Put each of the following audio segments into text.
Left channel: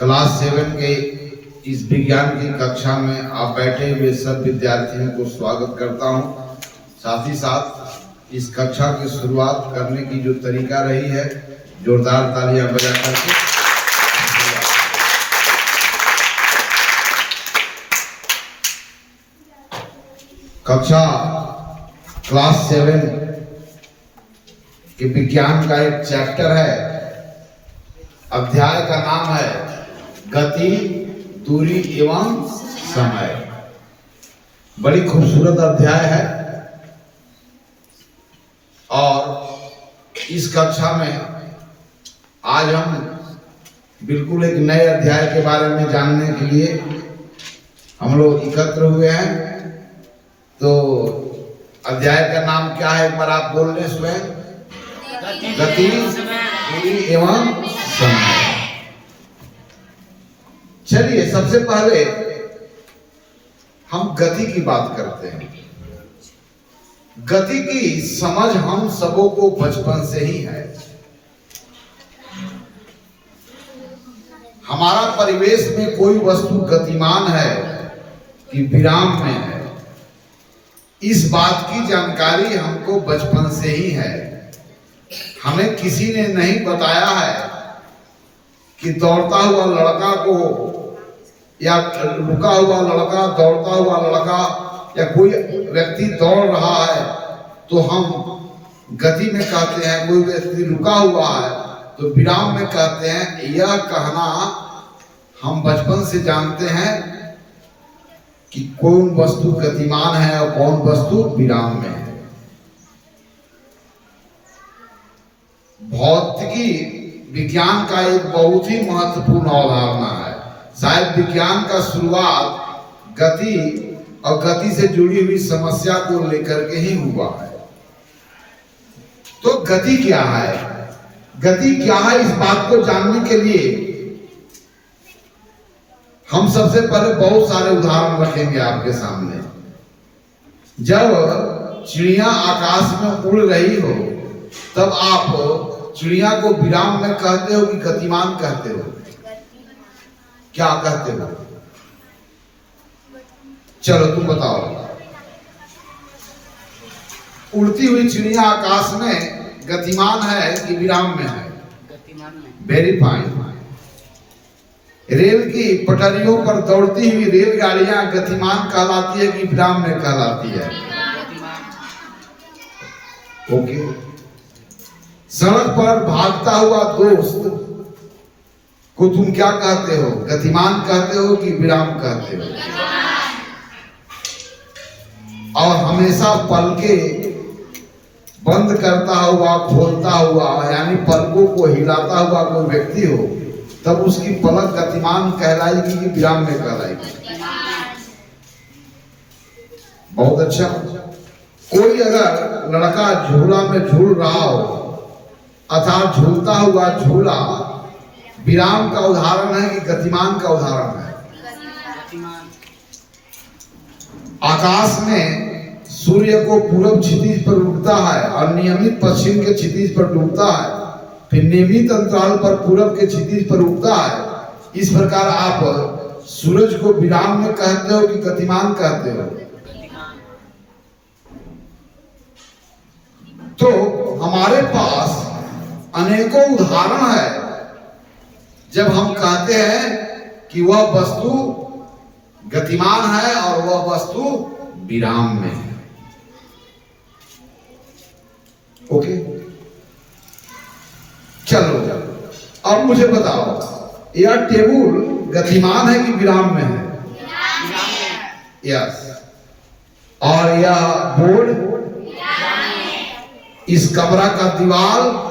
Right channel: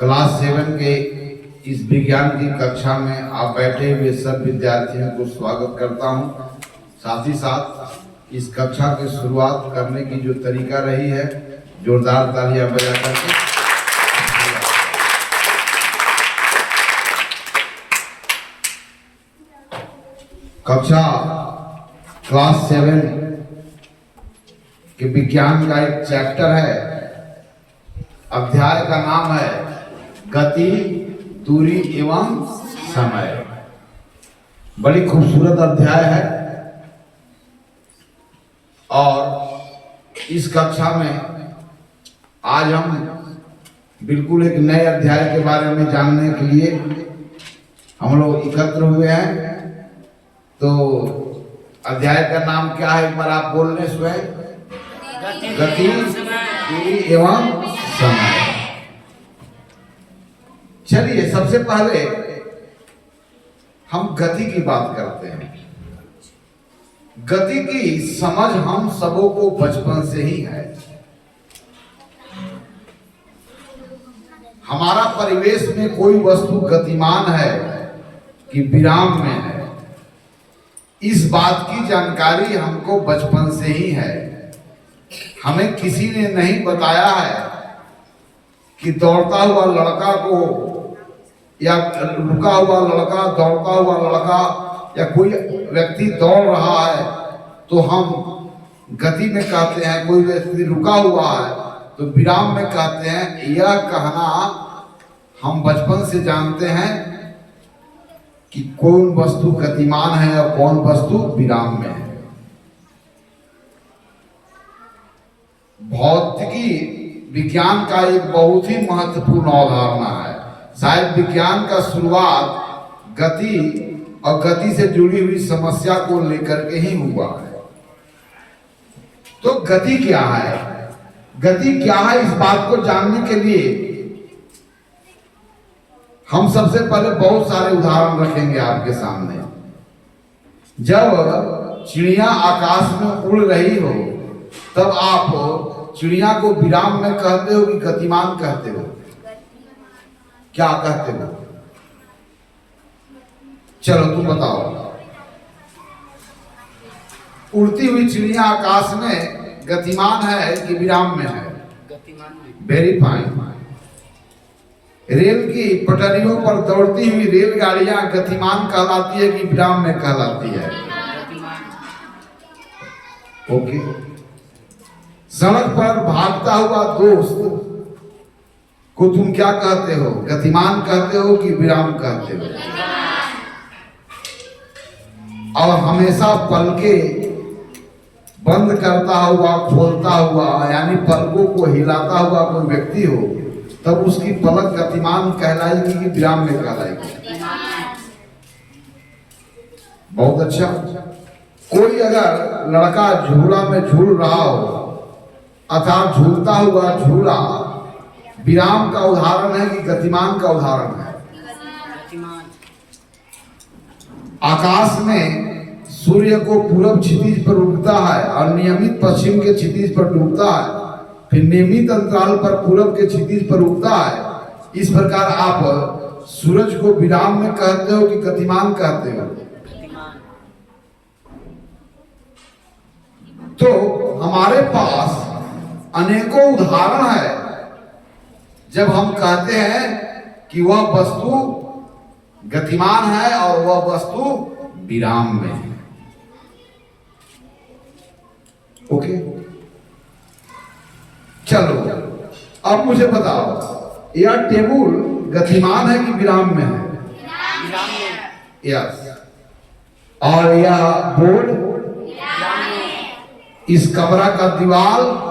Class 7 के इस विज्ञान की कक्षा में आप बैठे हुए सब विद्यार्थियों को स्वागत करता हूं। साथ ही साथ इस कक्षा की शुरुआत करने की जो तरीका रही है, जोरदार तालियां बजा करके कक्षा क्लास 7 के विज्ञान का एक चैप्टर है। अध्याय का नाम है गति, दूरी एवं समय। बड़ी खूबसूरत अध्याय है और इस कक्षा में आज हम बिल्कुल एक नए अध्याय के बारे में जानने के लिए हम लोग एकत्र हुए हैं। तो अध्याय का नाम क्या है, एक बार आप बोल लें स्वयं। गति, दूरी एवं समय। चलिए सबसे पहले हम गति की बात करते हैं। गति की समझ हम सबों को बचपन से ही है। हमारा परिवेश में कोई वस्तु गतिमान है कि विराम में है, इस बात की जानकारी हमको बचपन से ही है। हमें किसी ने नहीं बताया है कि दौड़ता हुआ लड़का को या रुका हुआ लड़का, दौड़ता हुआ लड़का या कोई व्यक्ति दौड़ रहा है तो हम गति में कहते हैं, कोई व्यक्ति रुका हुआ है तो विराम में कहते हैं। यह कहना हम बचपन से जानते हैं कि कौन वस्तु गतिमान है और कौन वस्तु विराम में है। भौतिकी विज्ञान का एक बहुत ही महत्वपूर्ण अवधारणा है। शायद विज्ञान का शुरुआत गति और गति से जुड़ी हुई समस्या को लेकर के ही हुआ है। तो गति क्या है, गति क्या है, इस बात को जानने के लिए हम सबसे पहले बहुत सारे उदाहरण रखेंगे आपके सामने। जब चिड़िया आकाश में उड़ रही हो तब आप चिड़िया को विराम में कहते हो कि गतिमान कहते हो? क्या कहते हो? चलो तुम बताओ। उड़ती हुई चिड़िया आकाश में गतिमान है कि विराम में है? गतिमान में। Very fine. रेल की पटरियों पर दौड़ती हुई रेलगाड़ियां गतिमान कहलाती है कि विराम में कहलाती है? ओके। सड़क पर भागता हुआ दोस्त को तुम क्या कहते हो, गतिमान कहते हो कि विराम कहते हो? और हमेशा पलकें बंद करता हुआ खोलता हुआ, यानी पलकों को हिलाता हुआ कोई व्यक्ति हो तब उसकी पलक गतिमान कहलाएगी कि विराम में कहलाएगी? बहुत अच्छा। कोई अगर लड़का झूला में झूल रहा हो अर्थात झूलता हुआ झूला विराम का उदाहरण है कि गतिमान का उदाहरण है? आकाश में सूर्य को पूरब क्षितिज पर उगता है और नियमित पश्चिम के क्षितिज पर डूबता है, फिर नियमित अंतराल पर पूरब के क्षितिज पर उगता है। इस प्रकार आप सूरज को विराम में कहते हो कि गतिमान कहते हो? तो हमारे पास अनेकों उदाहरण है जब हम कहते हैं कि वह वस्तु गतिमान है और वह वस्तु विराम में है। ओके, चलो अब मुझे बताओ, यह टेबल गतिमान है कि विराम में है? यस। और यह बोर्ड, इस कमरा का दीवार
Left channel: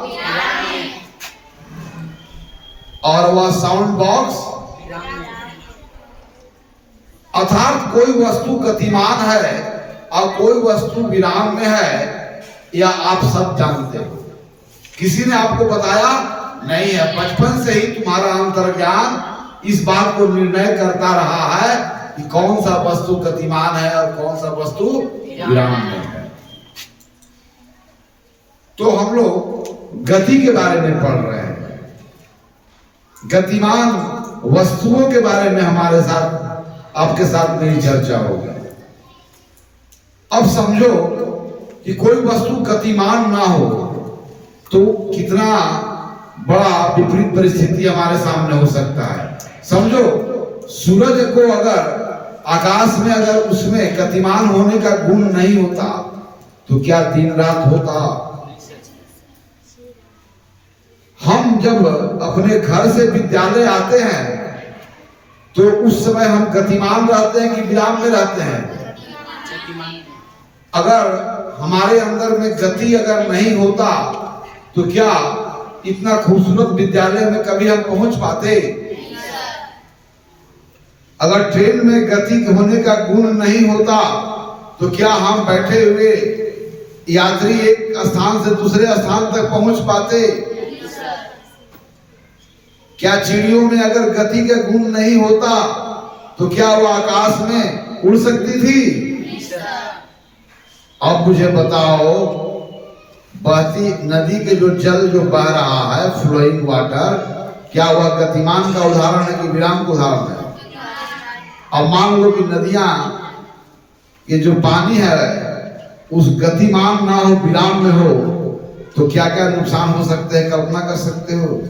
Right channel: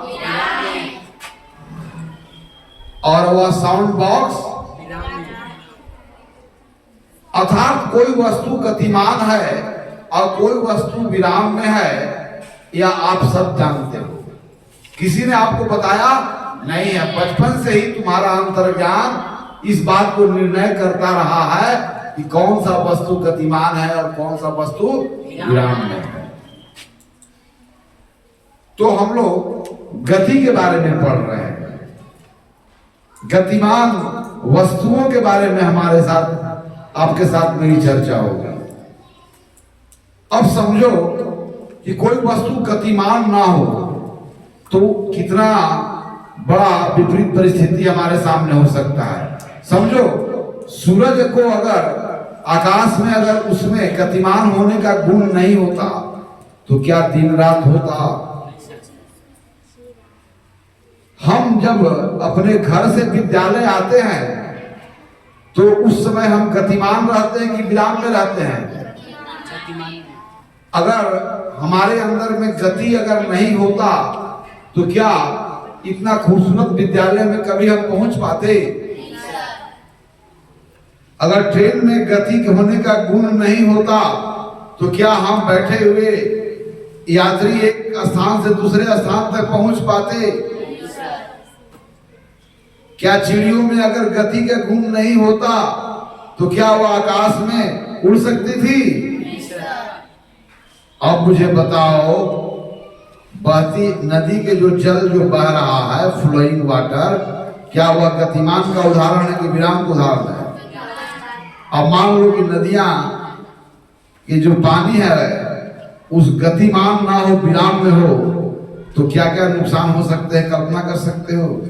और वह साउंड बॉक्स, अर्थात कोई वस्तु गतिमान है और कोई वस्तु विराम में है, यह आप सब जानते हो। किसी ने आपको बताया नहीं है, बचपन से ही तुम्हारा अंतर्ज्ञान इस बात को निर्णय करता रहा है कि कौन सा वस्तु गतिमान है और कौन सा वस्तु विराम में है। तो हम लोग गति के बारे में पढ़ रहे हैं। गतिमान वस्तुओं के बारे में हमारे साथ आपके साथ मेरी चर्चा होगी। अब समझो कि कोई वस्तु गतिमान ना हो तो कितना बड़ा विपरीत परिस्थिति हमारे सामने हो सकता है। समझो सूरज को अगर आकाश में अगर उसमें गतिमान होने का गुण नहीं होता तो क्या दिन रात होता? हम जब अपने घर से विद्यालय आते हैं तो उस समय हम गतिमान रहते हैं कि विराम में रहते हैं? अगर हमारे अंदर में गति अगर नहीं होता तो क्या इतना खूबसूरत विद्यालय में कभी हम पहुंच पाते? अगर ट्रेन में गति होने का गुण नहीं होता तो क्या हम बैठे हुए यात्री एक स्थान से दूसरे स्थान तक पहुंच पाते? क्या चिड़ियों में अगर गति का गुण नहीं होता तो क्या वो आकाश में उड़ सकती थी? अब मुझे बताओ, बहती नदी के जो जल जो बह रहा है, फ्लोइंग वाटर, क्या वह गतिमान का उदाहरण है कि विराम का उदाहरण है? अब मान लो कि नदियां ये जो पानी है उस गतिमान ना हो, विराम में हो, तो क्या क्या नुकसान हो सकते हैं, कल्पना कर सकते हो?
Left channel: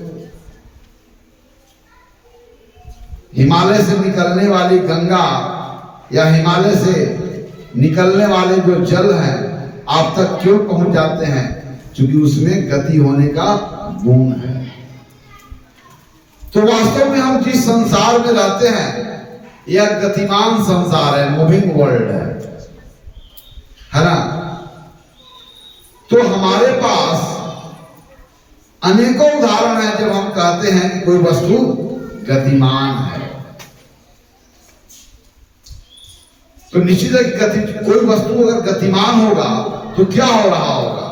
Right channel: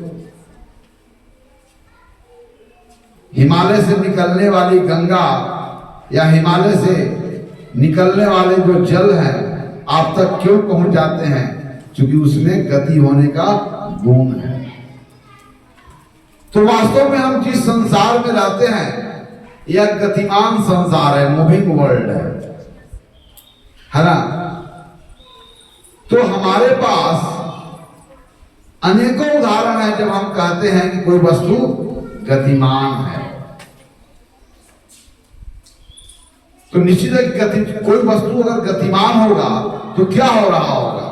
हिमालय से निकलने वाली गंगा या हिमालय से निकलने वाले जो जल हैं आप तक क्यों पहुंच जाते हैं? क्योंकि उसमें गति होने का गुण है। तो वास्तव में हम जिस संसार में रहते हैं यह गतिमान संसार है, मूविंग वर्ल्ड है ना? तो हमारे पास अनेकों उदाहरण है जब हम कहते हैं कि कोई वस्तु गतिमान है। तो निश्चित है कि कोई वस्तु अगर गतिमान होगा तो क्या हो रहा होगा?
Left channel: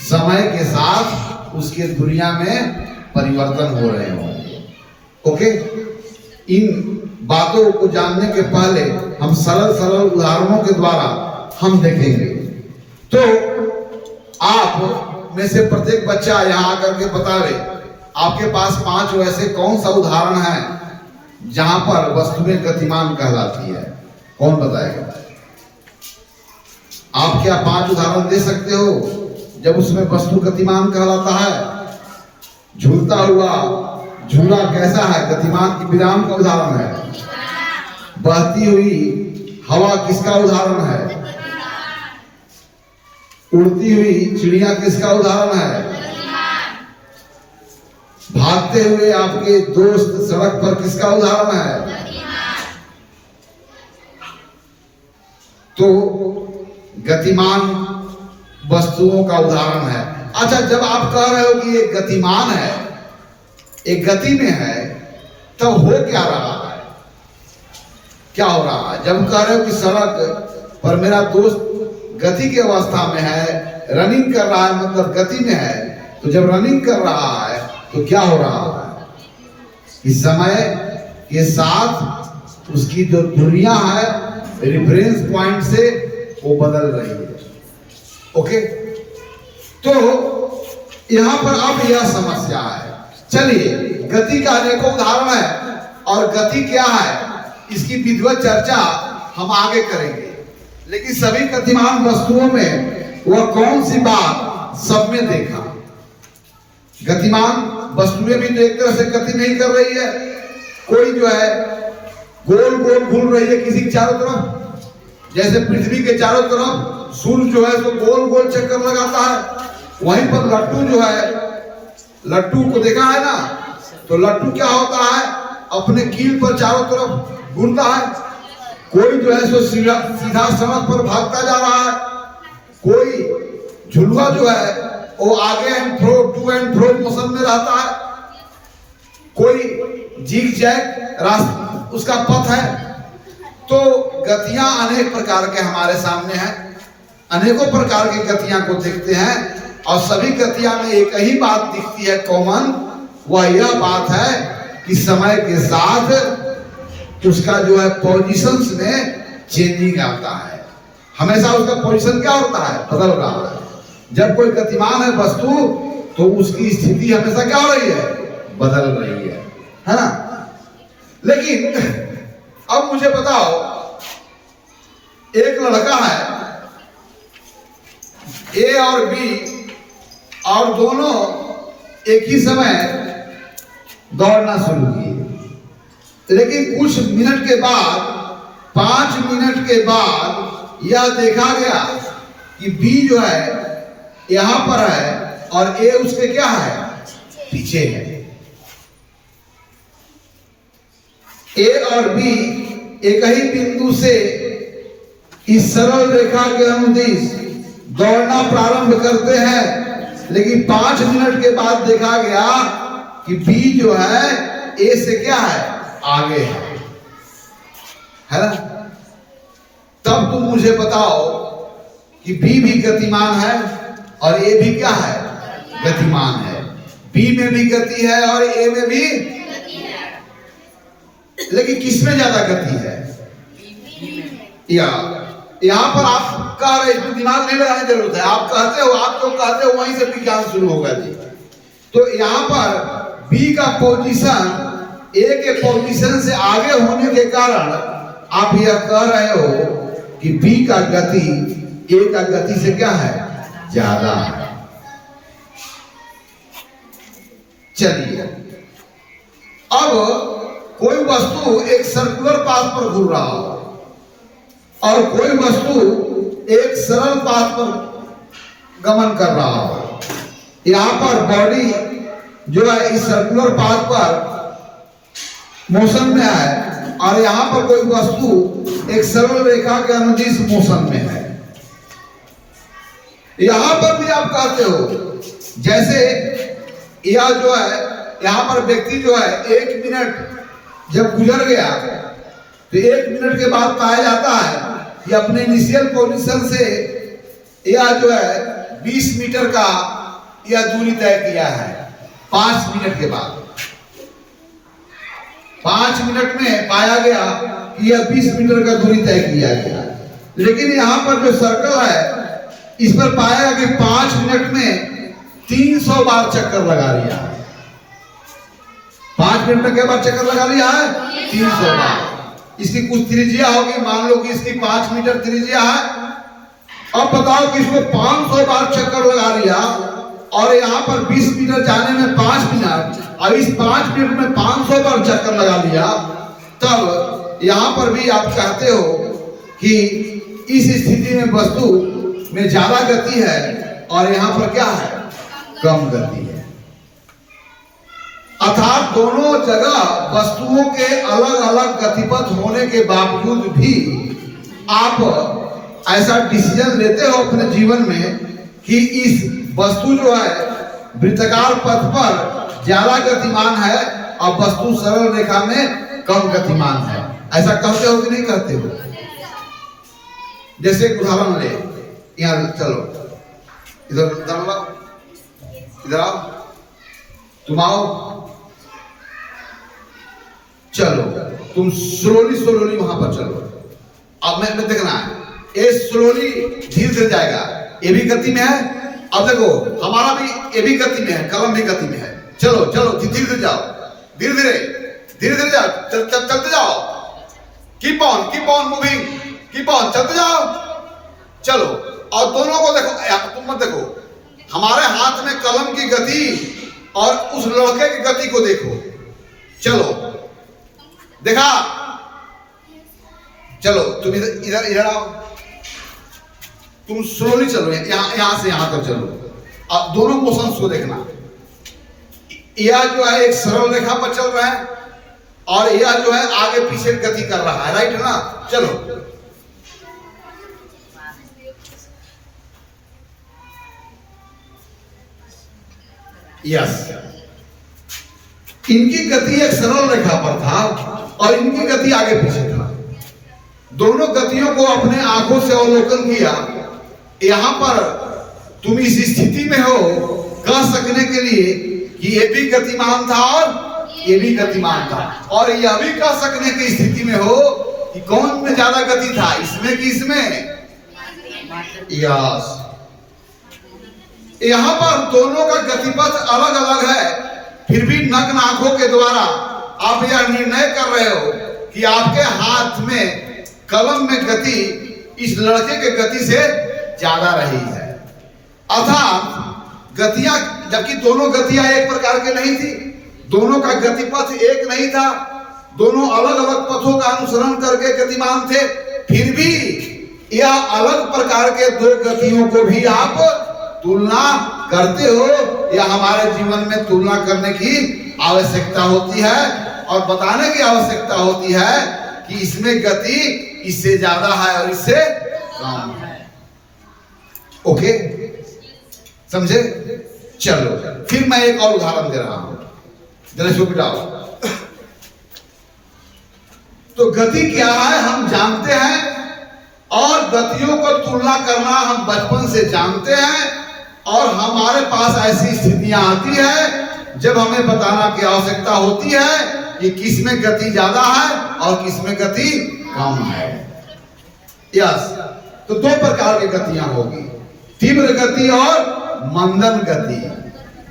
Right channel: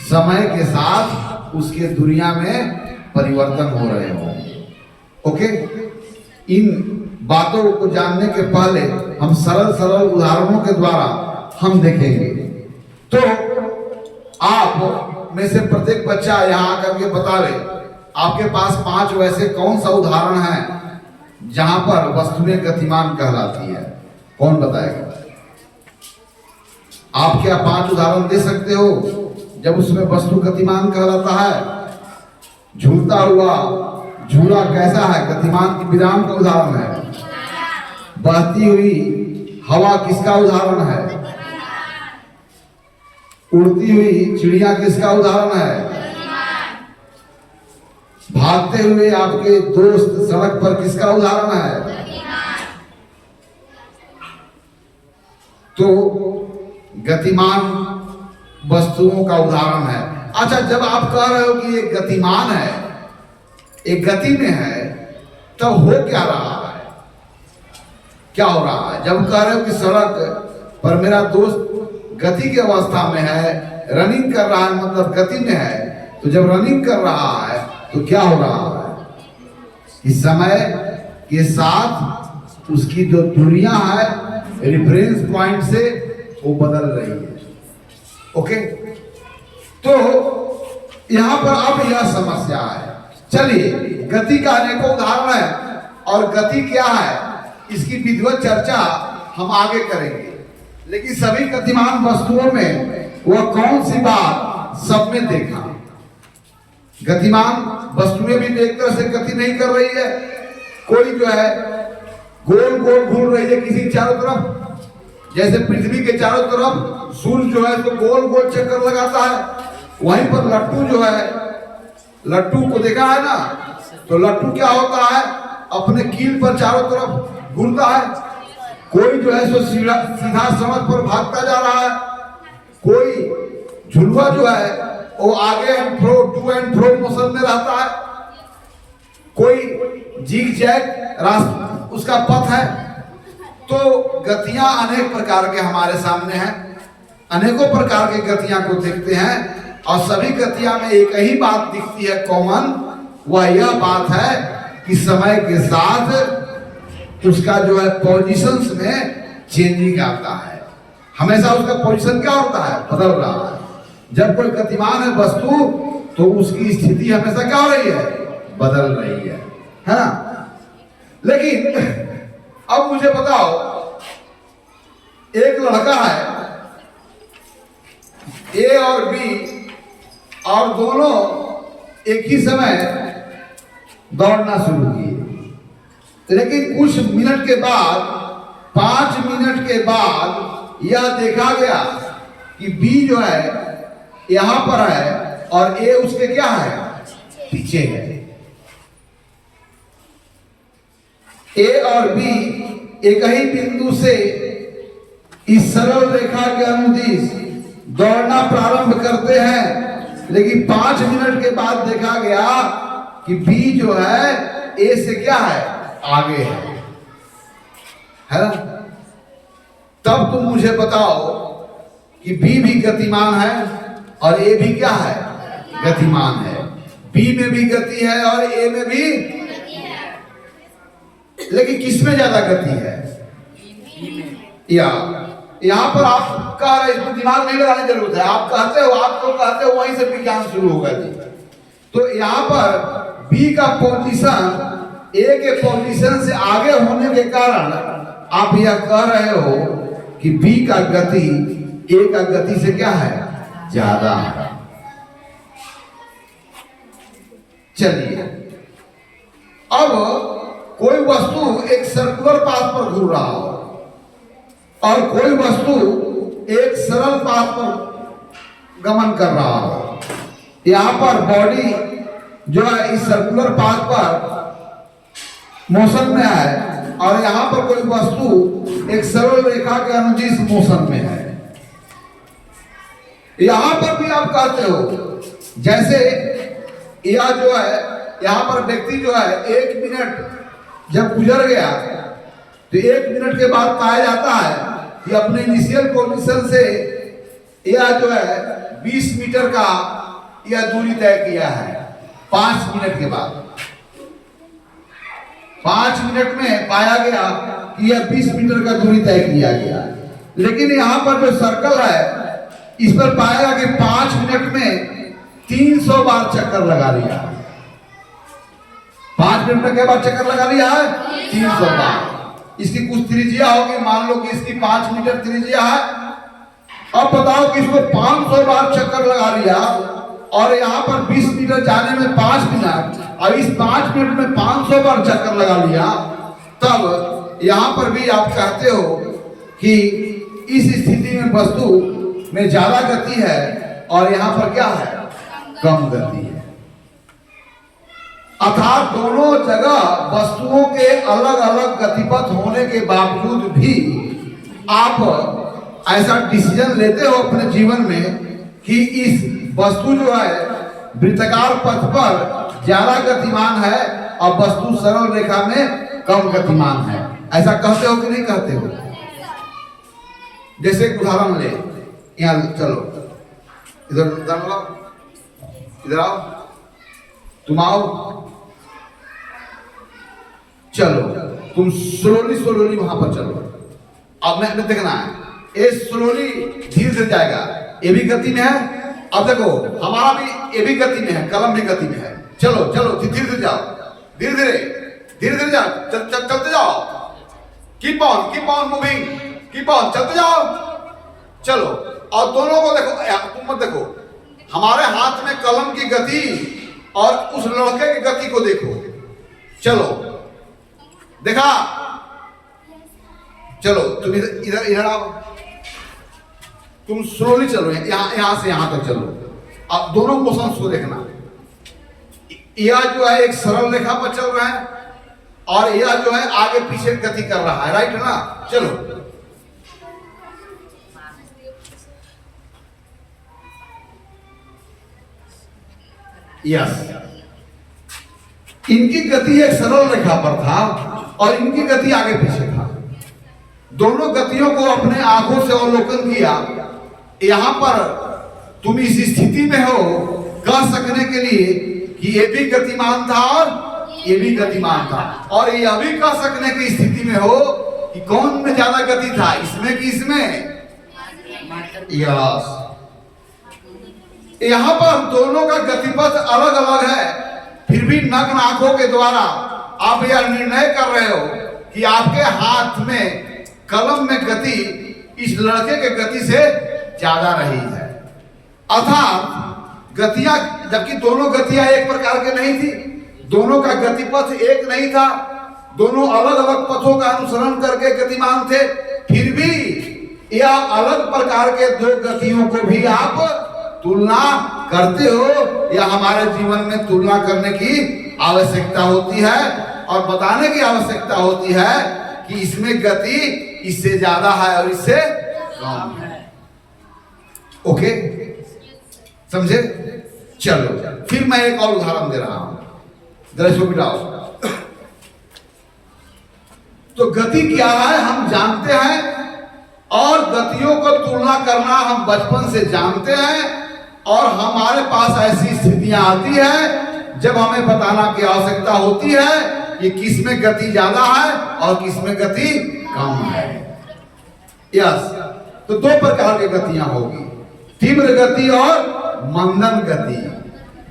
समय के साथ उसके दुनिया में परिवर्तन हो रहे होंगे। ओके, इन बातों को जानने के पहले हम सरल सरल उदाहरणों के द्वारा हम देखेंगे। तो आप में से प्रत्येक बच्चा यहाँ आकर के बतावे आपके पास 5 वैसे कौन सा उदाहरण है जहां पर वस्तुएं गतिमान कहलाती है? कौन बताएगा? आप क्या 5 उदाहरण दे सकते हो जब उसमें वस्तु गतिमान कहलाता है? झूलता हुआ झूला कैसा है? गतिमान की विराम का उदाहरण है। बहती हुई हवा किसका उदाहरण है? उड़ती हुई चिड़िया किसका उदाहरण है? भागते हुए आपके दोस्त सड़क पर किसका उदाहरण है? तो गतिमान वस्तुओं का उदाहरण है। अच्छा, जब आप कह रहे हो कि ये गतिमान है, एक गति में है, तब हो क्या रहा है? क्या हो रहा है? जब कह रहे हो कि सड़क पर मेरा दोस्त गति की अवस्था में है, रनिंग कर रहा है, मतलब गति में है, तो जब रनिंग कर रहा है तो क्या हो रहा है? इस समय के साथ उसकी जो दुनिया है रेफरेंस पॉइंट से वो बदल रही है। ओके, तो यहां पर अब यह समस्या है। चलिए, गति का अनेकों उदाहरण है और गति क्या है इसकी विधिवत चर्चा हम आगे करेंगे। लेकिन सभी गतिमान वस्तुओं में वह कौन सी बात सब में देखा? गतिमान वस्तुएं भी एक तरह से गति नहीं कर रही है। कोई जो है गोल गोल घूम रही है किसी चारों तरफ, जैसे पृथ्वी के चारों तरफ सूर्य जो है तो गोल गोल चक्कर लगाता है। वहीं पर लट्टू जो है, लट्टू को देखा है ना, तो लट्टू क्या होता है? अपने कील पर चारों तरफ घूमता है। कोई जो है सो सीधा सड़क पर भागता जा रहा है, कोई झुलवा जो है वो आगे and fro, to and fro motion में रहता है, कोई जिग जैग रास्ता उसका पथ है। तो गतियां अनेक प्रकार के हमारे सामने हैं, अनेकों प्रकार की गतियां को देखते हैं और सभी गतियां में एक ही बात दिखती है कॉमन, वह यह बात है कि समय के साथ उसका जो है पोजीशंस में चेंजिंग आता है। हमेशा उसका पोजीशन क्या होता है? बदल रहा है। जब कोई गतिमान है वस्तु तो उसकी स्थिति हमेशा क्या हो रही है? बदल रही है ना? लेकिन अब मुझे बताओ, एक लड़का है ए और बी, और दोनों एक ही समय दौड़ना शुरू किए, लेकिन कुछ मिनट के बाद, 5 मिनट के बाद यह देखा गया कि बी जो है यहां पर है और ए उसके क्या है, पीछे है। ए और बी एक ही बिंदु से इस सरल रेखा के अनुदिश दौड़ना प्रारंभ करते हैं, लेकिन 5 मिनट के बाद देखा गया कि बी जो है ए से क्या है, आगे है ना। तब तुम मुझे बताओ कि बी भी गतिमान है और ए भी क्या है, गतिमान है। बी में भी गति है और ए में भी, लेकिन किसमें ज्यादा गति है? या यहां पर आप कह रहे, इसमें दिमाग नहीं लगाने की जरूरत है, आप कहते हो, आप जो कहते हो वहीं से विज्ञान शुरू होगा जी। तो यहां पर बी का पोजीशन ए के पोजीशन से आगे होने के कारण आप यह कह रहे हो कि बी का गति ए का गति से क्या है, ज्यादा है। चलिए, अब कोई वस्तु एक सर्कुलर पाथ पर घूम रहा हो और कोई वस्तु एक सरल पाथ पर गमन कर रहा हो। यहां पर बॉडी जो है इस सर्कुलर पाथ पर मोशन में है और यहां पर कोई वस्तु एक सरल रेखा के अनुदिश मोशन में है। यहां पर भी आप कहते हो, जैसे यह जो है यहां पर व्यक्ति जो है 1 मिनट जब गुजर गया तो 1 मिनट के बाद पाया जाता है कि अपने इनिशियल पोजीशन से यह जो है 20 मीटर का यह दूरी तय किया है। 5 मिनट के बाद, 5 मिनट में पाया गया कि यह 20 मीटर का दूरी तय किया गया। लेकिन यहां पर जो सर्कल है इस पर पाया कि 5 मिनट में 300 बार चक्कर लगा लिया है। 5 मिनट में क्या बार चक्कर लगा लिया है? 300 बार। इसकी कुछ त्रिज्या होगी, मान लो कि इसकी 5 मीटर त्रिज्या है। अब बताओ कि इसको 500 बार चक्कर लगा लिया और यहाँ पर 20 मीटर जाने में 5 मिनट, और इस 5 मिनट में 500 बार चक्कर लगा लिया, तब यहाँ पर भी आप कहते हो कि इस स्थिति में वस्तु में ज्यादा गति है और यहाँ पर क्या है, कम गति है। अर्थात दोनों जगह वस्तुओं के अलग अलग गतिपथ होने के बावजूद भी आप ऐसा डिसीजन लेते हो अपने जीवन में कि इस वस्तु जो है वृत्ताकार पथ पर ज्यादा गतिमान है और वस्तु सरल रेखा में कम गतिमान है। ऐसा कहते हो कि नहीं कहते हो? जैसे उदाहरण ले, यहाँ चलो, इधर लाओ, इधर आओ, तुम आओ, चलो, तुम स्लोली वहां पर चलो। अब मैं देखना है, ये स्लोली धीरे से जाएगा, ये भी गति में है। अब देखो हमारा भी ये भी गति में है, कलम भी गति में है। चलो चलो धीरे धीरे जाओ, धीरे धीरे जाओ, चलते जाओ, keep on moving, keep on, चलते जाओ, चलो। और दोनों को देखो, तुम मत देखो, हमारे हाथ में कलम की गति और उस लड़के की गति को देखो। चलो, देखा? चलो तुम इधर आओ, तुम स्लोली चलो, यहां से यहां तक चलो। अब दोनों मोशंस को देखना, यह जो है एक सरल रेखा पर चल रहा है और यह जो है आगे पीछे गति कर रहा है, राइट है ना? चलो, यस, इनकी गति एक सरल रेखा पर था और इनकी गति आगे पीछे था। दोनों गतियों को अपने आंखों से अवलोकन किया। यहां पर तुम इस स्थिति में हो कह सकने के लिए कि ये भी गतिमान था और ये भी गतिमान था, और यह भी कह सकने की स्थिति में हो कि कौन में ज्यादा गति था, इसमें कि इसमें। यस, यहां पर दोनों का गतिपथ अलग अलग है, फिर भी नग्न आंखों के द्वारा आप यह निर्णय कर रहे हो कि आपके हाथ में कलम में गति इस लड़के के गति से ज्यादा रही है, अर्थात गतियां, जबकि दोनों गतियां एक प्रकार के नहीं थी, दोनों का गतिपथ एक नहीं था, दोनों अलग अलग पथों का अनुसरण करके गतिमान थे, फिर भी यह अलग प्रकार के दो गतियों को भी आप तुलना करते हो। या हमारे जीवन में तुलना करने की आवश्यकता होती है और बताने की आवश्यकता होती है कि इसमें गति इससे ज्यादा है और इससे कम है। ओके, समझे? चलो फिर मैं एक और उदाहरण दे रहा हूं, दृश्य बिठाओ। तो गति क्या है हम जानते हैं, और गतियों को तुलना करना हम बचपन से जानते हैं, और हमारे पास ऐसी स्थितियां आती है जब हमें बताना की आवश्यकता होती है कि किसमें गति ज्यादा है और किसमें गति कम है। यस, तो दो प्रकार की गतियां होगी, तीव्र गति और मंदन गति।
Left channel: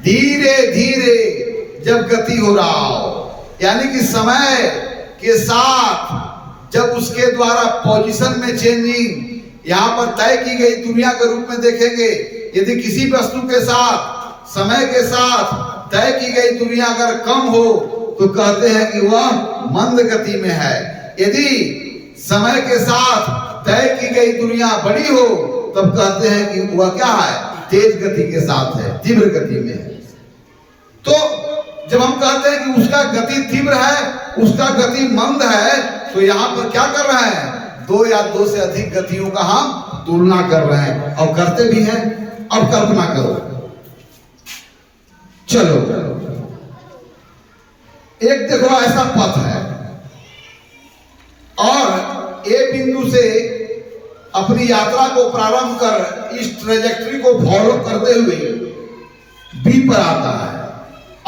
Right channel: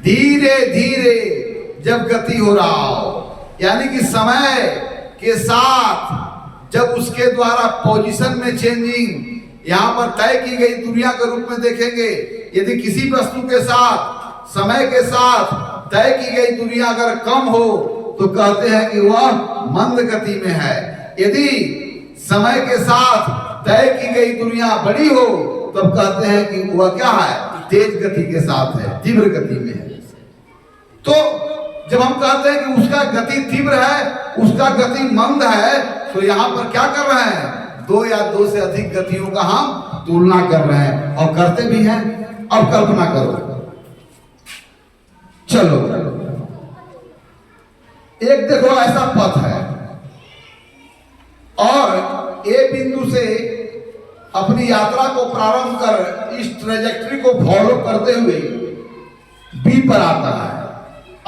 धीरे धीरे जब गति हो रहा हो, यानी कि समय के साथ जब उसके द्वारा पोजीशन में चेंजिंग यहां पर तय की गई दुनिया के रूप में देखेंगे, यदि किसी वस्तु के साथ समय के साथ तय की गई दुनिया अगर कम हो तो कहते हैं कि वह मंद गति में है, यदि समय के साथ तय की गई दुनिया बड़ी हो तब कहते हैं कि वह क्या है, तेज गति के साथ है, तीव्र गति में है। तो जब हम कहते हैं कि उसका गति तीव्र है, उसका गति मंद है, तो यहाँ पर क्या कर रहे हैं, दो या दो से अधिक गतियों का हम तुलना कर रहे हैं और करते भी हैं। अब कल्पना करो, चलो एक देखो ऐसा पथ है और ए बिंदु से अपनी यात्रा को प्रारंभ कर इस ट्रेजेक्टरी को फॉलो करते हुए बी पर आता है।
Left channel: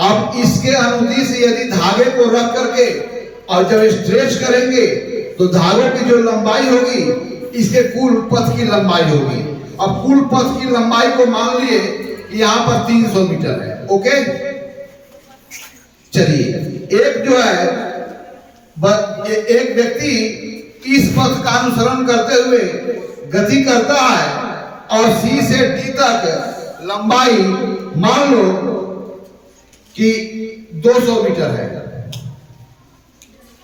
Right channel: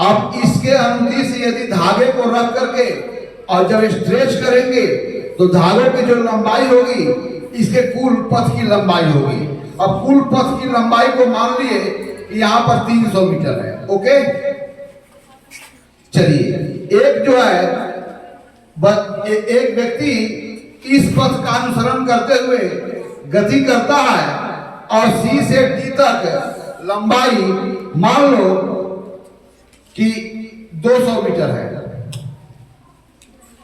अब इसके अनुदिश यदि धागे को रख करके और जब स्ट्रेच करेंगे तो धागों की जो लंबाई होगी इसके कुल पथ की लंबाई होगी। अब कुल पथ की लंबाई को मान लिए कि यहाँ पर 300 मीटर है। ओके, चलिए एक जो है एक व्यक्ति इस पथ का अनुसरण करते हुए गति करता है और सी से डी तक लंबाई मान लो कि 200 मीटर है,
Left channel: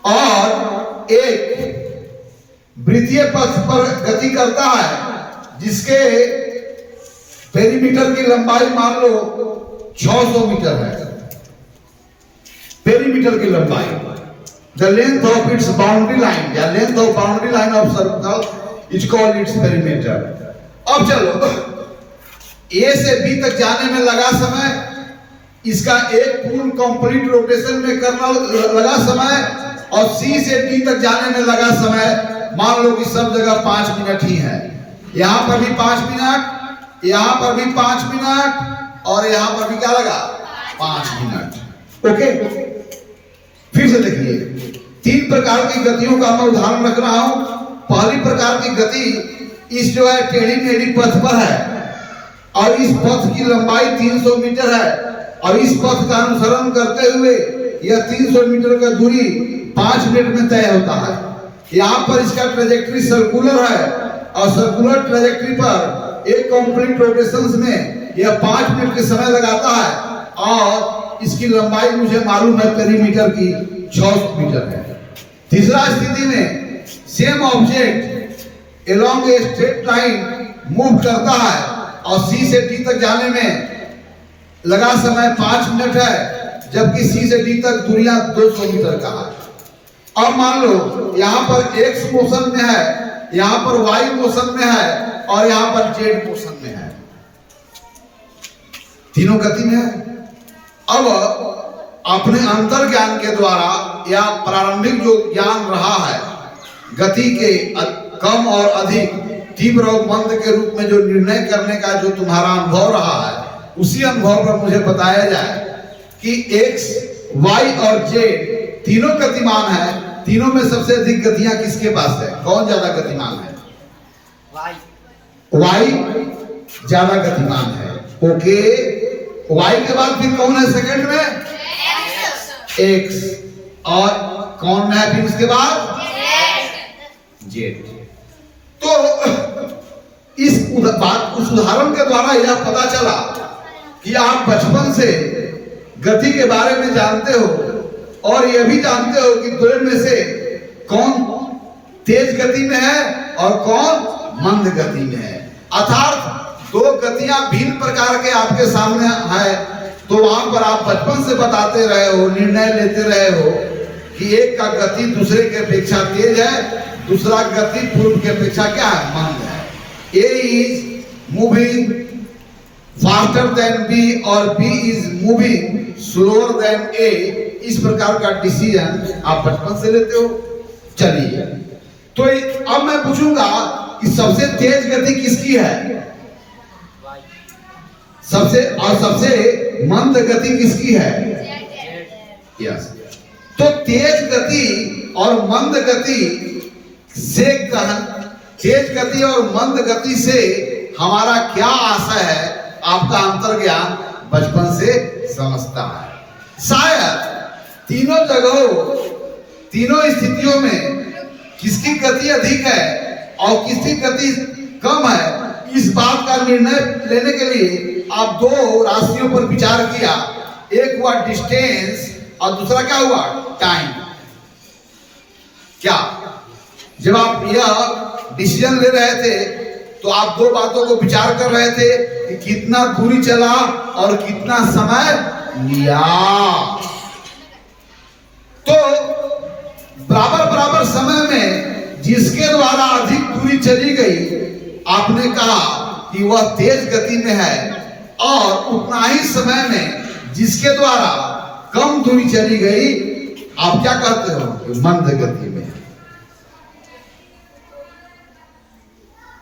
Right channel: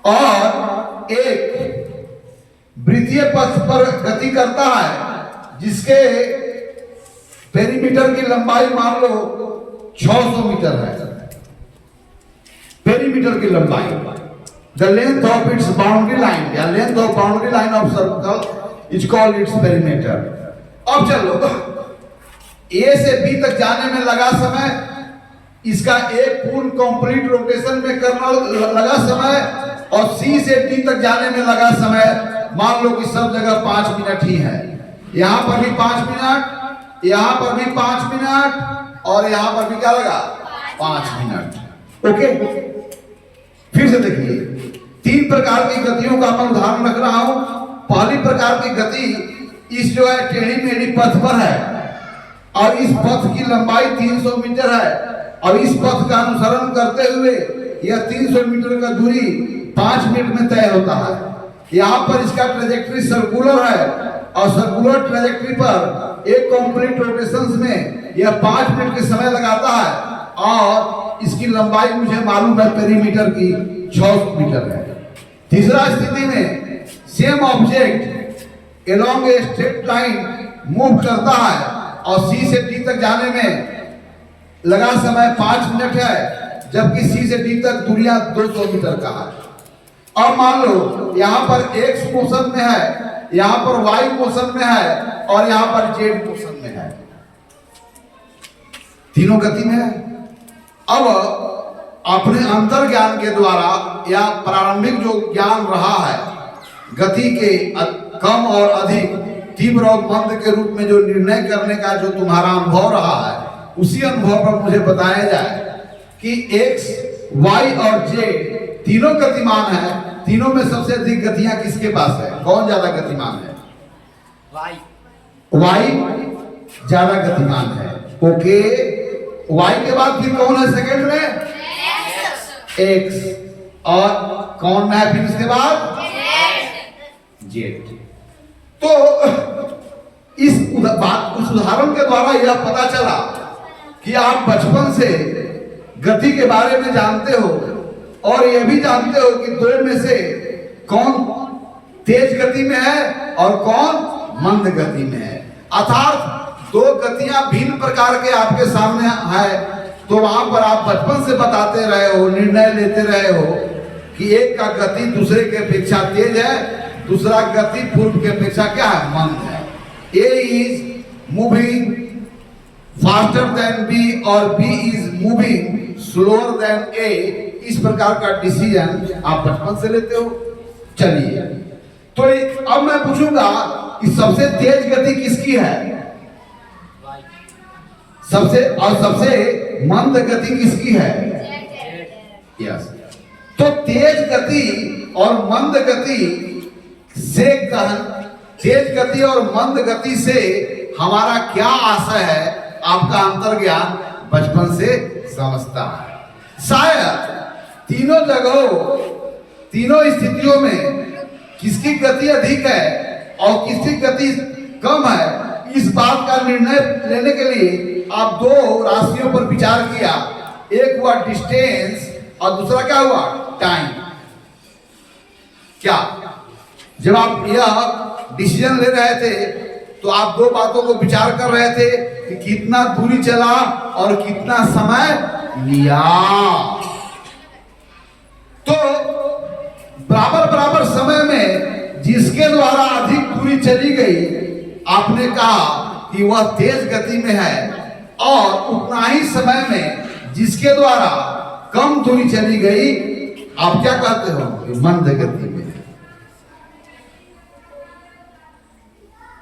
और एक वृत्तीय पथ पर गति करता है जिसके पेरीमीटर की लंबाई मान लो 600 मीटर है। पेरीमीटर की लंबाई, the length of its boundary line या length of boundary line of circle is called its perimeter. अब चलो ए से बी तक जाने में लगा समय, इसका एक पूर्ण कंप्लीट रोटेशन में करना लगा समय, और सी से डी तक जाने में लगा समय मान लो कि सब जगह 5 मिनट ही है। यहां पर भी 5 मिनट, यहां पर भी 5 मिनट, और यहां पर भी क्या लगा 5 मिनट। ओके, फिर से देखिए, 3 प्रकार की गतियों का मैं उदाहरण रख रहा हूं। पहली प्रकार की गति इस जो है टेढ़ी मेढ़ी पथ पर है और इस पथ की लंबाई 300 मीटर है, और इस पथ का अनुसरण करते हुए यह 300 मीटर का दूरी 5 मिनट में तय होता है। यहाँ पर इसका ट्रेजेक्टरी सर्कुलर है और सर्कुलर ट्रेजेक्टरी पर एक कंप्लीट रोटेशंस में यह 5 मिनट के समय लगाता है, और इसकी लंबाई मुझे मालूम है पेरीमीटर की 600 मीटर है। तीसरा स्थिति में same object along a straight line move करता है और सी से डी तक जाने में लगा समय 5 मिनट है, जबकि सी से डी तक दूरियां 200 मीटर का है। अब मान लो यहाँ पर एक्स मोशन में है, यहाँ पर वाई मोशन में है, और यहाँ पर जेड मोशन में है, तीनों गति में है। अब अपने अंतर ज्ञान के द्वारा या प्रारंभिक जो ज्ञान रहा है गति के कम और अधिक, तीव्र और मंद के रूप में जो निर्णय करने का जो तुम्हारा अनुभव रहा है, उसी अनुभव पर मुझे बताया जाए कि एक्स, वाई और जेड तीनों गतिमान है। तीनों में सबसे अधिक गतियां किसके पास है? कौन ज्यादा गतिमान है? वाई ज्यादा गतिमान है। ओके, वाई के बाद फिर कौन है सेकंड में? एक्स। और कौन में है फिर उसके बाद? जेठ। तो उस उदाहरण के द्वारा यह पता चला कि आप बचपन से गति के बारे में जानते हो और यह भी जानते हो कि दो में से कौन तेज गति में है और कौन मंद गति में है। अर्थात दो गतियां भिन्न प्रकार के आपके सामने है, तो वहां पर आप बचपन से बताते रहे हो, निर्णय लेते रहे हो कि एक का गति दूसरे के अपेक्षा तेज है, दूसरा गति पूर्व के अपेक्षा क्या है? मंद है। A is moving faster than B और B is moving slower than A, इस प्रकार का डिसीजन आप बचपन से लेते हो। चलिए, तो अब मैं पूछूंगा कि सबसे तेज गति किसकी है? सबसे मंद गति किसकी है? यस। तो तेज गति और मंद गति से तेज गति और मंद गति से हमारा क्या आशय है? आपका अंतर्ज्ञान बचपन से समझता है। शायद तीनों जगहों, तीनों स्थितियों में किसकी गति अधिक है और किसकी गति कम है, इस बात का निर्णय लेने के लिए आप दो राशियों पर विचार किया। एक हुआ डिस्टेंस और दूसरा क्या हुआ? टाइम। क्या जब आप यह डिसीजन ले रहे थे तो आप दो बातों को विचार कर रहे थे कि कितना दूरी चला और कितना समय लिया। तो बराबर बराबर समय में जिसके द्वारा अधिक दूरी चली गई, आपने कहा कि वह तेज गति में है, और उतना ही समय में जिसके द्वारा कम दूरी चली गई, आप क्या कहते हो? कि मंद गति में है।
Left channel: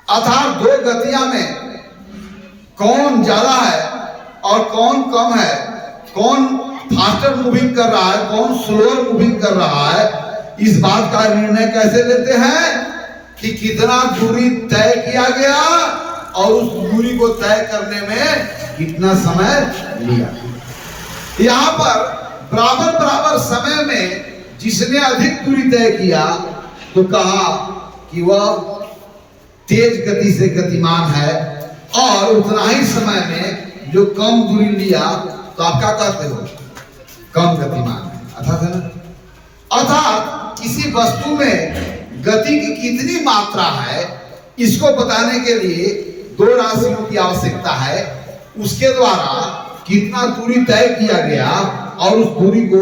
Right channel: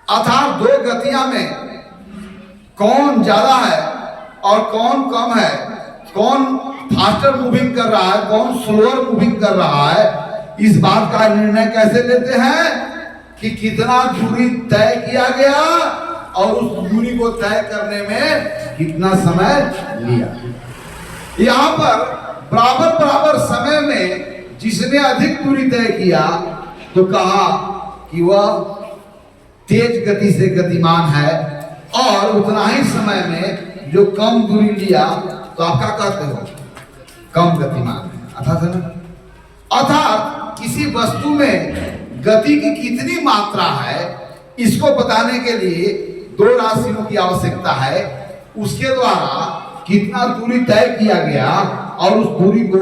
अर्थात दो गतियां में कौन ज्यादा है और कौन कम है, कौन फास्टर मूविंग कर रहा है, कौन स्लोअर मूविंग कर रहा है, इस बात का निर्णय कैसे लेते हैं? कि कितना दूरी तय किया गया और उस दूरी को तय करने में कितना समय लिया। यहां पर बराबर बराबर समय में जिसने अधिक दूरी तय किया तो कहा कि वह तेज गति से गतिमान है, और उतना ही समय में जो कम दूरी लिया तो आप क्या कहते हो? कम गतिमान है। अर्थात किसी वस्तु में गति की कितनी मात्रा है, इसको बताने के लिए दो राशियों की आवश्यकता है। उसके द्वारा कितना दूरी तय किया गया और उस दूरी को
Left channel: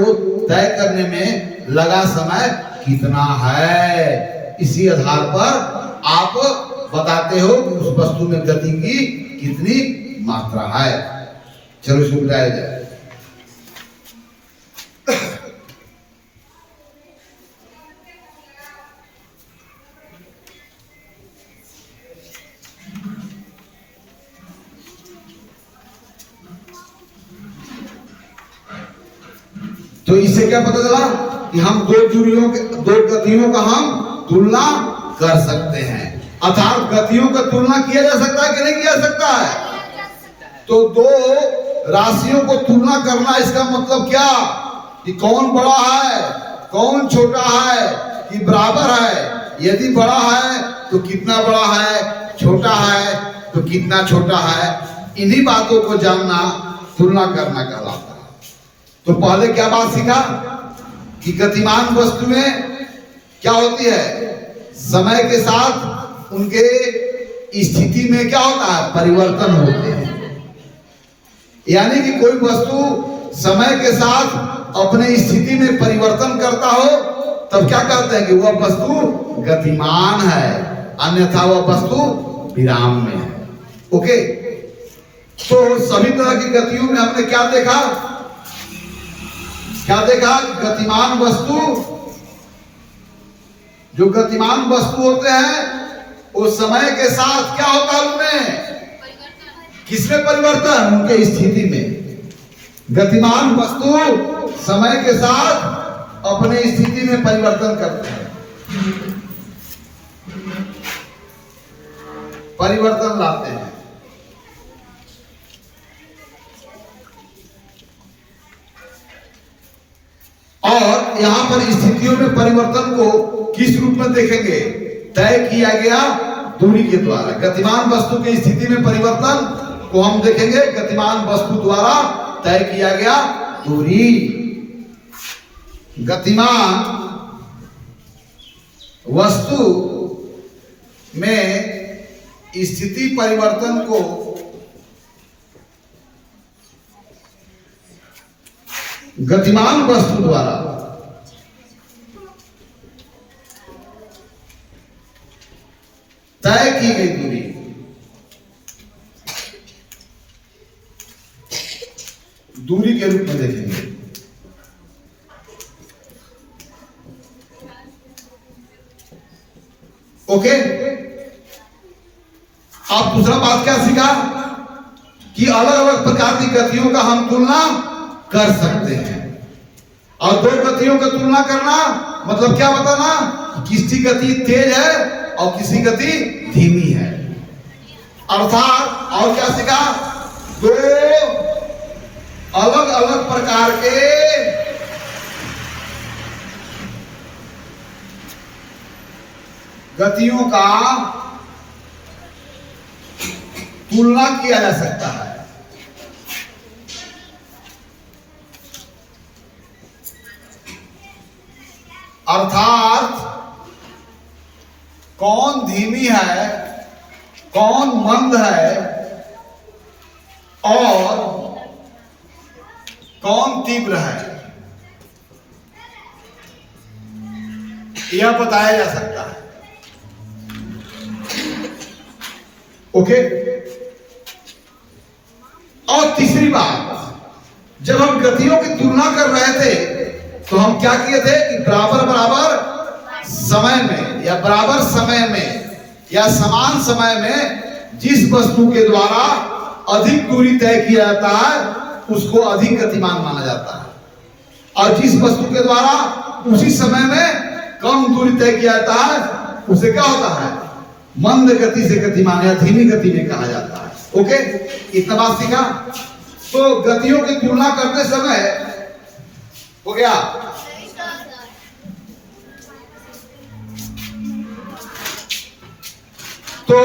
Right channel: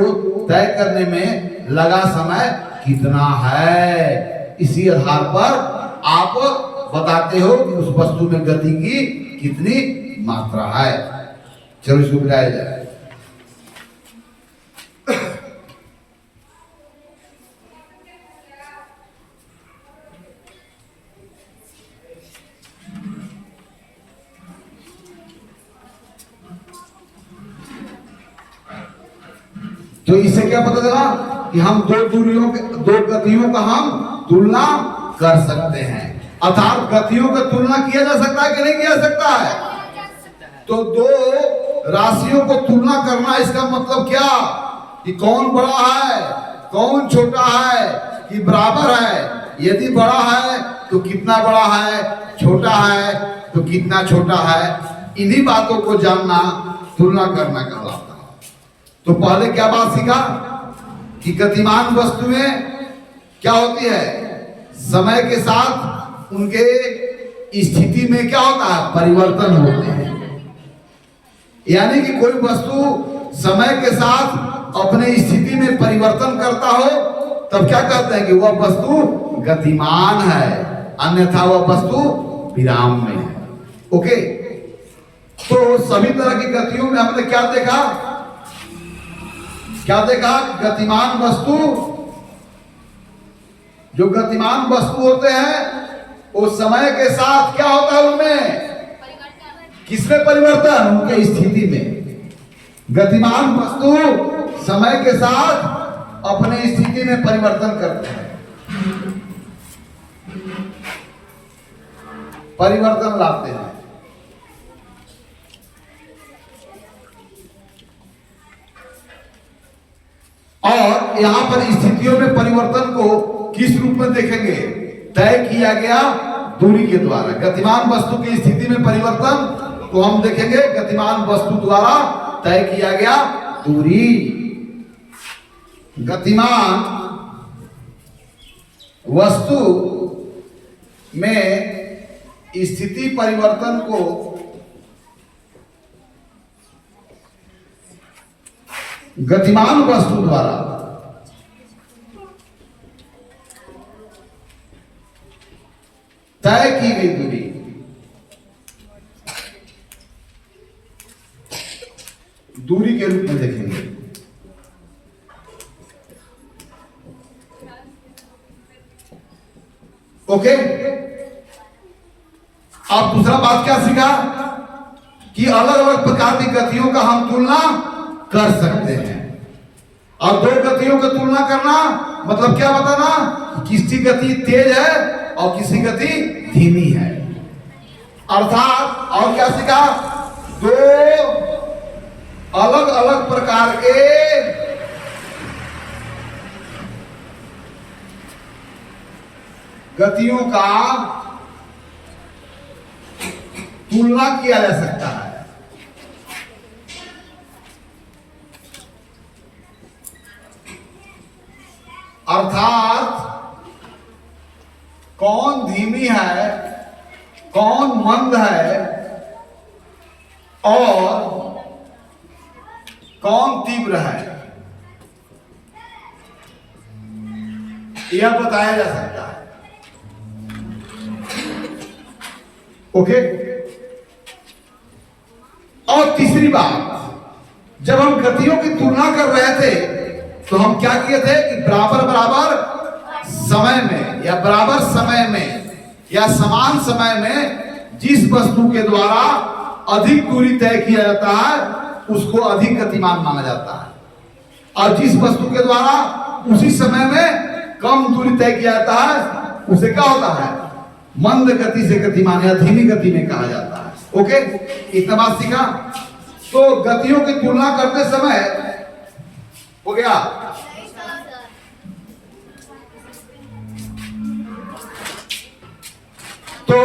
तय करने में लगा समय कितना है, इसी आधार पर आप बताते हो कि उस वस्तु में गति की कितनी मात्रा है। चलो इसको मिटाया जाए। तो इससे क्या पता चला कि हम दो गतियों का हम तुलना कर सकते हैं। अर्थात गतियों का तुलना किया जा सकता है कि नहीं किया सकता है? तो दो राशियों को तुलना करना, इसका मतलब क्या? कि कौन बड़ा है, कौन छोटा है, कि बराबर है। यदि बड़ा है तो कितना बड़ा है, छोटा है तो कितना छोटा है। इन्हीं बातों को जानना तुलना करना कहलाता है। तो पहले क्या बात सीखा कि गतिमान वस्तु में क्या होती है? समय के साथ उनके स्थिति में क्या होता है? परिवर्तन होते हैं। यानी कि कोई वस्तु समय के साथ अपने स्थिति में परिवर्तन करता हो तब क्या कहते हैं? कि वह वस्तु गतिमान है, अन्यथा वह वस्तु विराम में है। ओके, तो सभी तरह की गतियों में हमने क्या देखा? गतिमान वस्तु, जो गतिमान वस्तु होते हैं वो समय के साथ क्या होता है? उनमें किसमें परिवर्तन? उनके स्थिति में। गतिमान वस्तु समय के साथ अपने स्थिति में परिवर्तन करते हैं, परिवर्तन लाते हैं। और यहां पर स्थितियों में परिवर्तन को किस रूप में देखेंगे? तय किया गया दूरी के द्वारा। गतिमान वस्तु की स्थिति में परिवर्तन को हम देखेंगे गतिमान वस्तु द्वारा तय किया गया दूरी। गतिमान वस्तु में स्थिति परिवर्तन को गतिमान वस्तु द्वारा तय की गई दूरी दूरी के रूप में देखेंगे। ओके, अब दूसरा बात क्या सीखा कि अलग अलग प्रकार की गतियों का हम तुलना कर सकते हैं। और दो गतियों की तुलना करना मतलब क्या बताना? किसी गति तेज है और किसी गति धीमी है। अर्थात और क्या सीखा? दो अलग अलग प्रकार के गतियों का तुलना किया जा सकता है। अर्थात कौन धीमी है, कौन मंद है और कौन तीव्र है, यह बताया जा सकता है। ओके, और तीसरी बात, जब हम गतियों की तुलना कर रहे थे तो हम क्या किए थे कि बराबर बराबर समय में या बराबर समय में या समान समय में जिस वस्तु के द्वारा अधिक दूरी तय किया जाता है उसको अधिक गतिमान माना जाता है, और जिस वस्तु के द्वारा उसी समय में कम दूरी तय किया जाता है उसे क्या होता है? मंद गति से गतिमान या धीमी गति में कहा जाता है। ओके, इतना बात सीखा। तो गतियों की तुलना करते समय हो गया। तो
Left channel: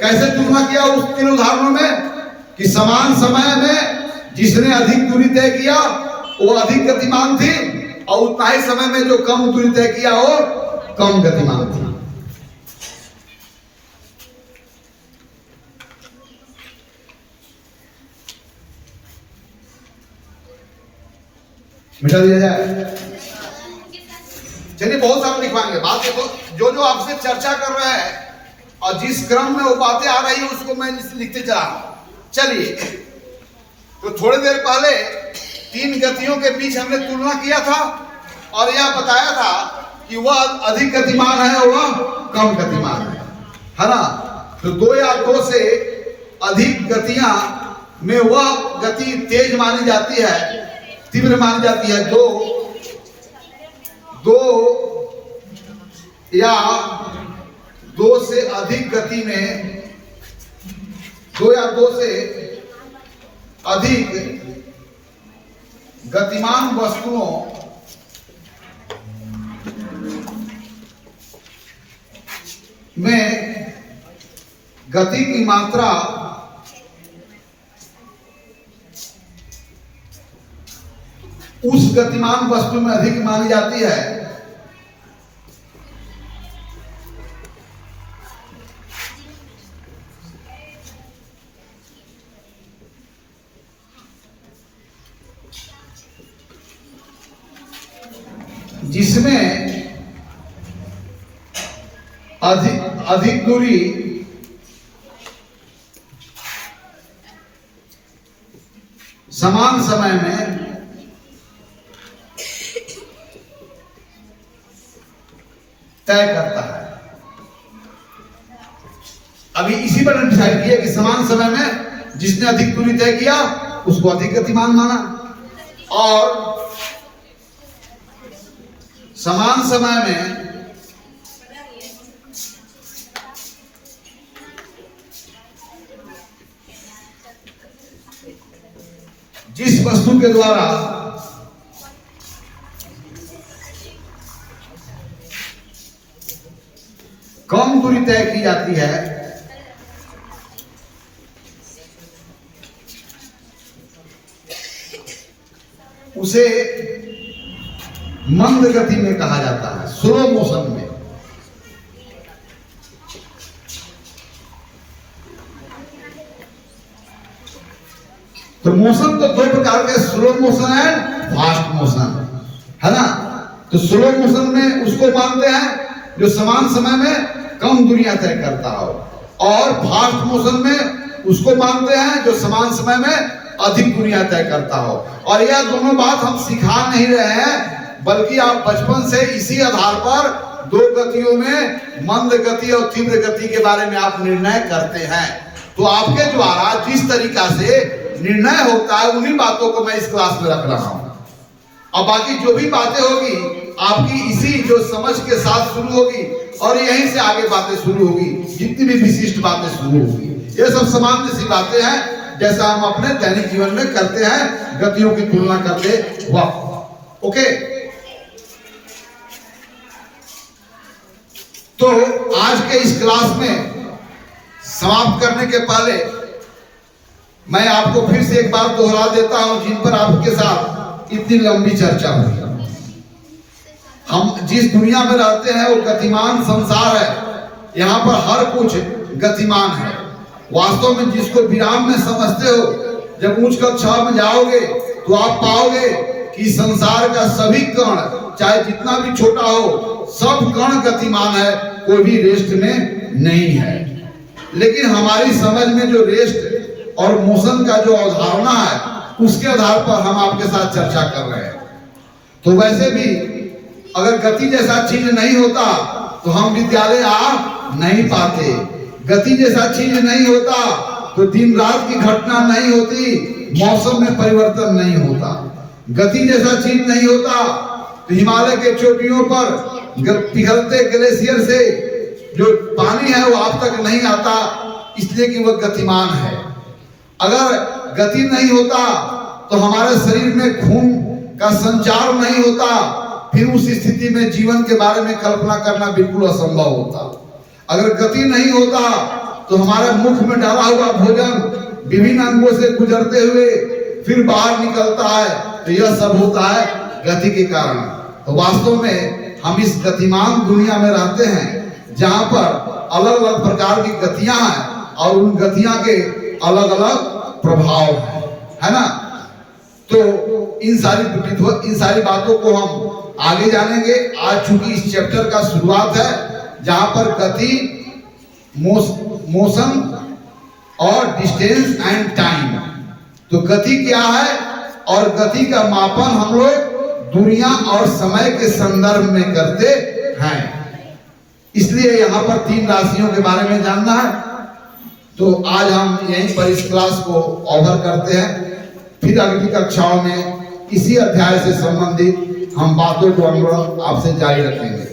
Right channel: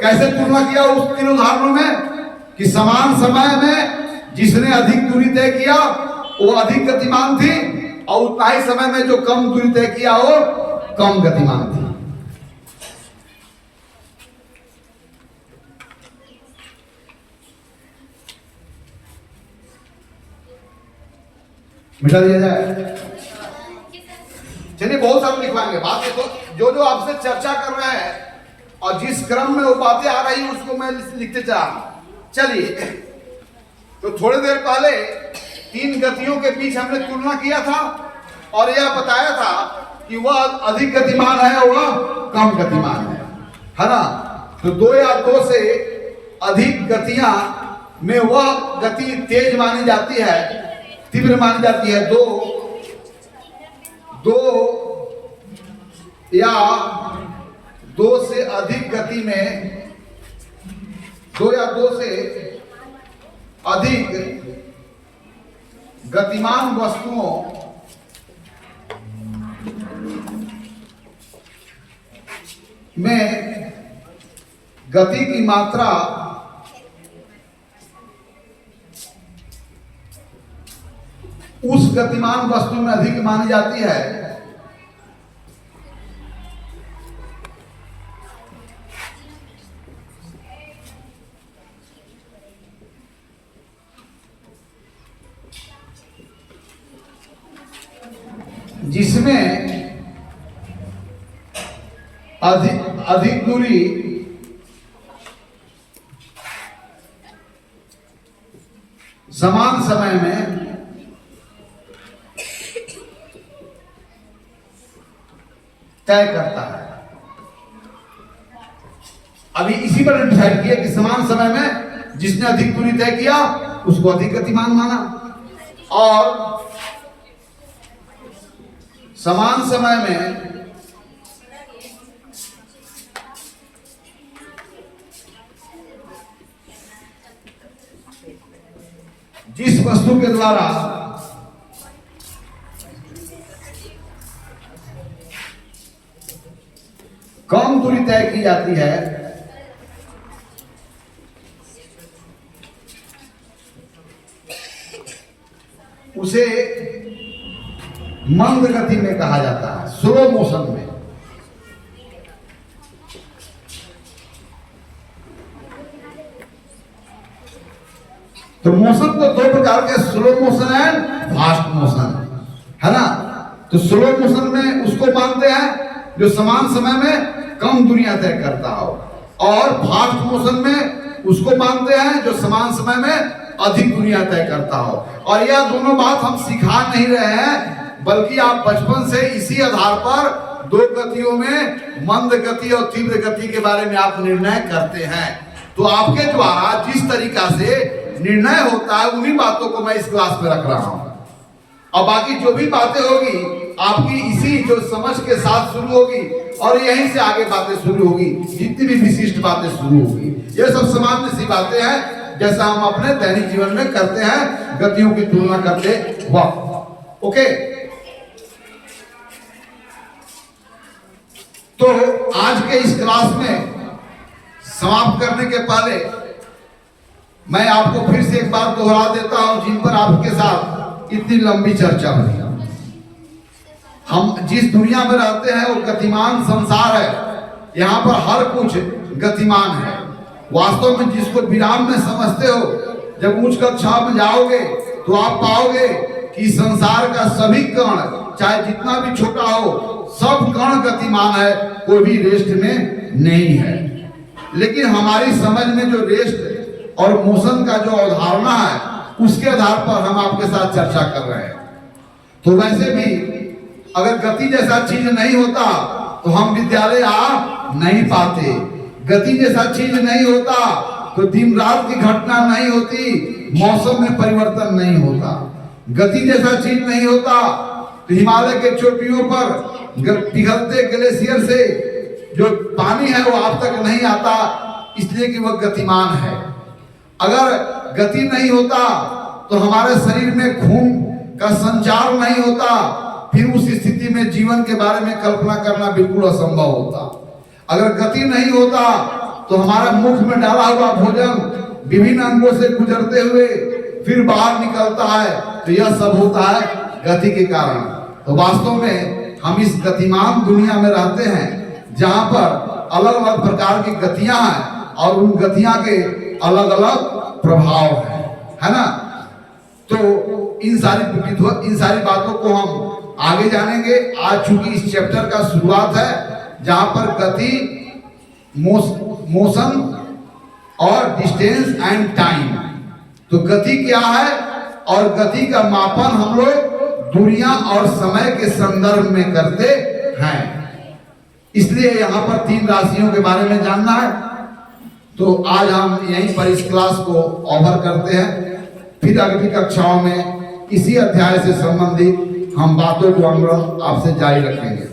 कैसे तुलना किया उस तीन उदाहरणों में कि समान समय में जिसने अधिक दूरी तय किया वो अधिक गतिमान थी, और उतना ही समय में जो कम दूरी तय किया वो कम गतिमान थी। मिटा दिया जाए। चलिए, बहुत सारे लिखवाएंगे बात। तो जो जो आपसे चर्चा कर रहे हैं और जिस क्रम में वो बातें आ रही है उसको मैं लिखते चला रहा हूं। चलिए, तो थोड़ी देर पहले तीन गतियों के बीच हमने तुलना किया था और यह बताया था कि वह अधिक गतिमान है, वह कम गतिमान है ना? तो दो या दो से अधिक गतियां में वह गति तेज मानी जाती है, तीव्र मानी जाती है। दो या दो से अधिक गति में, दो या दो से अधिक गतिमान वस्तुओं में गति की मात्रा उस गतिमान वस्तु में अधिक मानी जाती है जिसमें अधिक दूरी समान समय में तय करता है। अभी इसी पर डिसाइड किया कि समान समय में जिसने अधिक दूरी तय किया उसको अधिक गतिमान माना, और समान समय में जिस वस्तु के द्वारा कम दूरी तय की जाती है, उसे मंद गति में कहा जाता है, स्लो मोशन में। तो मोशन तो दो प्रकार के, slow motion and fast motion, है ना। तो स्लो मोशन में उसको मानते हैं जो समान समय में कम दूरियां तय करता हो, और फास्ट मोशन में उसको मानते हैं जो समान समय में अधिक दूरियां तय करता हो। और यह दोनों बात हम सिखा नहीं रहे हैं, बल्कि आप बचपन से इसी आधार पर दो गतियों में, मंद गति और तीव्र गति के बारे में आप निर्णय करते हैं। तो आपके द्वारा जिस तरीका से निर्णय होता है, उन्हीं बातों को मैं इस क्लास में रख रहा हूं। और बाकी जो भी बातें होगी आपकी इसी जो समझ के साथ शुरू होगी, और यहीं से आगे बातें शुरू होगी, जितनी भी विशिष्ट बातें शुरू होगी। ये सब सामान्य सी बातें हैं, जैसा हम अपने दैनिक जीवन में करते हैं, गतियों की तुलना करते वक्त। ओके, तो आज के इस क्लास में समाप्त करने के पहले मैं आपको फिर से एक बार दोहरा देता हूं, जिन पर आपके साथ इतनी लंबी चर्चा हुई। हम जिस दुनिया में रहते हैं वो गतिमान संसार है। यहाँ पर हर कुछ गतिमान है। वास्तव में जिसको विराम में समझते हो, जब उच्च कक्षा में जाओगे तो आप पाओगे कि संसार का सभी कण, चाहे जितना भी छोटा हो, सब कण गतिमान है, कोई भी रेस्ट में नहीं है। लेकिन हमारी समझ में जो रेस्ट और मोशन का जो अवधारणा है, उसके आधार पर हम आपके साथ चर्चा कर रहे हैं। तो वैसे भी अगर गति जैसा चीज नहीं होता तो हम विद्यालय आ नहीं पाते। गति जैसा चीज नहीं होता तो दिन रात की घटना नहीं होती, मौसम में परिवर्तन नहीं होता। गति जैसा चीज नहीं होता तो हिमालय के चोटियों पर पिघलते ग्लेशियर से जो पानी है वो आप तक नहीं आता, इसलिए कि वह गतिमान है। अगर गति नहीं होता तो हमारे शरीर में खून का संचार नहीं होता, फिर उस स्थिति में जीवन के बारे में कल्पना करना बिल्कुल असंभव होता। अगर गति नहीं होता तो हमारे मुख में डाला हुआ भोजन विभिन्न अंगों से गुजरते हुए फिर बाहर निकलता है, तो यह सब होता है गति के कारण। तो वास्तव में हम इस गतिमान दुनिया में रहते हैं, जहां पर अलग अलग प्रकार की गतियां हैं और उन गतियां के अलग अलग प्रभाव है ना। तो इन सारी बातों को हम आगे जानेंगे। आज चूंकि इस चैप्टर का शुरुआत है, जहां पर गति, मोशन और डिस्टेंस एंड टाइम, तो गति क्या है और गति का मापन हम लोग दूरियां और समय के संदर्भ में करते हैं। इसलिए यहाँ पर 3 राशियों के बारे में जानना है। तो आज हम यहीं पर इस क्लास को ओवर करते हैं। फिर अगली कक्षाओं में इसी अध्याय से संबंधित हम बातों को हम आपसे जारी रखेंगे।